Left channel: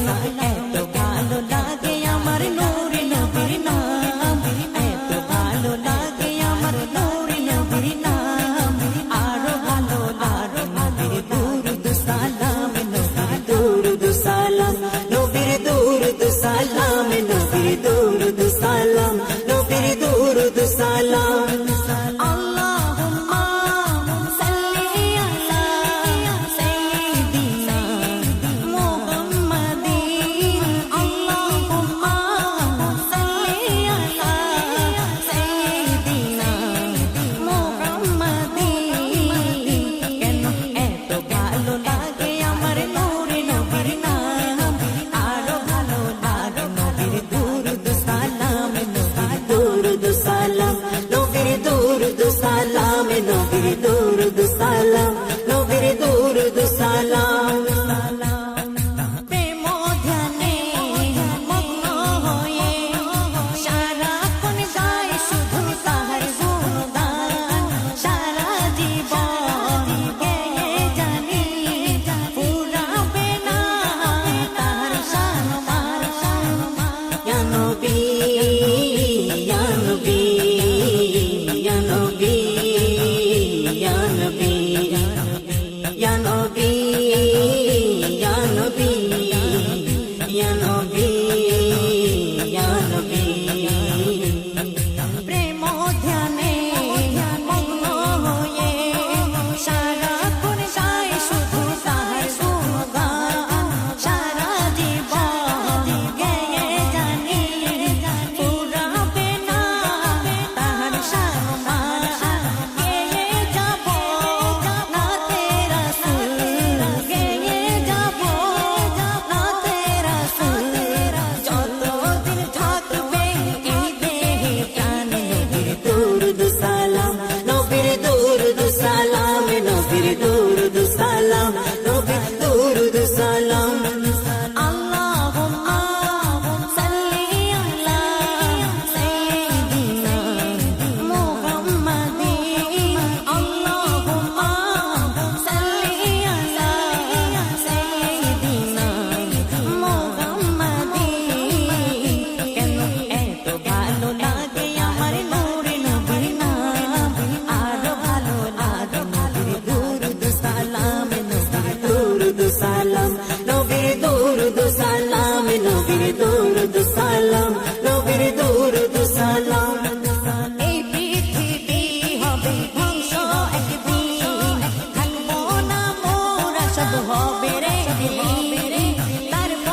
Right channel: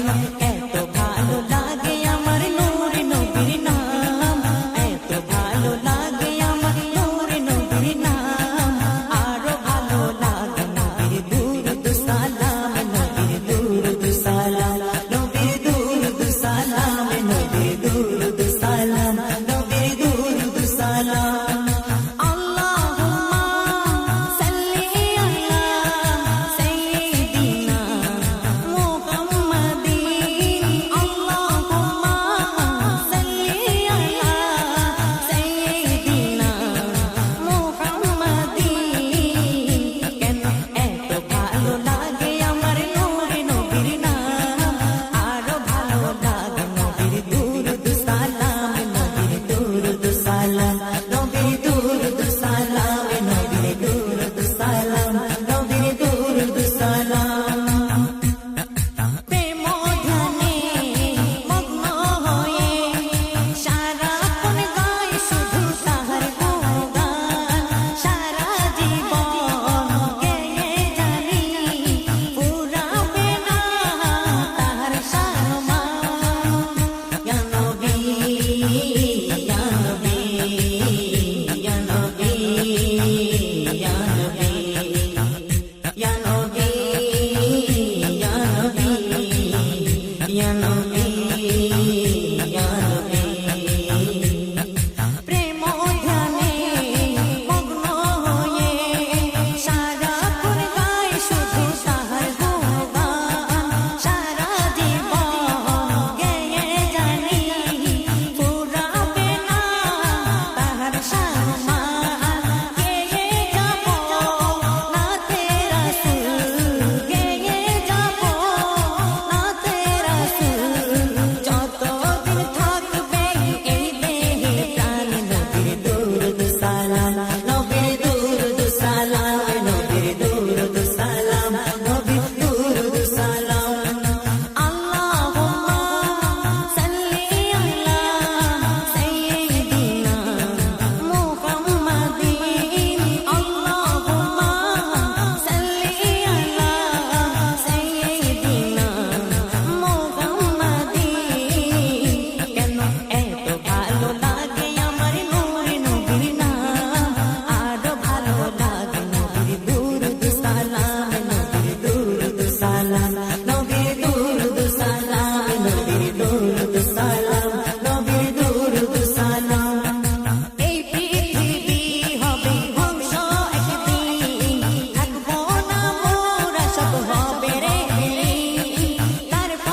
কেন এত ভালো লাগে আমার নূর নবীর নাম, এত ভালো লাগে আমার নূর নবীর নাম। আরো ভালো লাগে নবীর দুরুদ সালাম, নবীর দুরুদ সালাম, নবীর দুরুদ সালাম, নবীর দুরুদ সালাম, নবীর দুরুদ সালাম। আল্লাহুম্মা সাল্লি আলা সাইয়্যিদিনা মুহাম্মাদিন, আল্লাহুম্মা সাল্লি আলা সাইয়্যিদিনা মুহাম্মাদিন। কেন এত ভালো লাগে আমার নূর নবীর নাম, আরো ভালো লাগে নবীর দুরুদ সালাম, নবীর দুরুদ সালাম, নবীর দুরুদ সালাম, নবীর দুরুদ সালাম, নবীর দুরুদ সালাম। প্রেম ধ্যানে মগ্ন হয়ে সারাক্ষণ গায় শুধু তাহার গুণগান, সারা জীবন গেয়ে জানি পুরাবে না তাহার সম্মান। ইয়া নবী, ইয়া নবী, ইয়া নবী, ইয়া নবী, ইয়া নবী, ইয়া নবী, ইয়া নবী, ইয়া নবী। প্রেম ধ্যানে মগ্ন হয়ে সারাক্ষণ গায় শুধু তাহার গুণগান, সারা জীবন গেয়ে জানি পুরাবে না তাহার সম্মান। গেয়ে যাব না তেরা সুর, গেয়ে যাব না তেরা সুর, যতদিন থাকবে এই দেহে প্রাণ। নবীর দুরুদ সালাম, নবীর দুরুদ সালাম, নবীর দুরুদ সালাম, নবীর দুরুদ সালাম। আল্লাহুম্মা সাল্লি আলা সাইয়্যিদিনা মুহাম্মাদিন, আল্লাহুম্মা সাল্লি আলা সাইয়্যিদিনা মুহাম্মাদিন। কেন এত ভালো লাগে আমার নূর নবীর নাম, আরো ভালো লাগে নবীর দুরুদ সালাম, নবীর দুরুদ সালাম, নবীর দুরুদ সালাম, নবীর দুরুদ সালাম, নবীর দুরুদ সালাম। এই পৃথিবী হবে ধ্বংস একদিন, থাকবো না মোরা সব হবে রে বিলীন।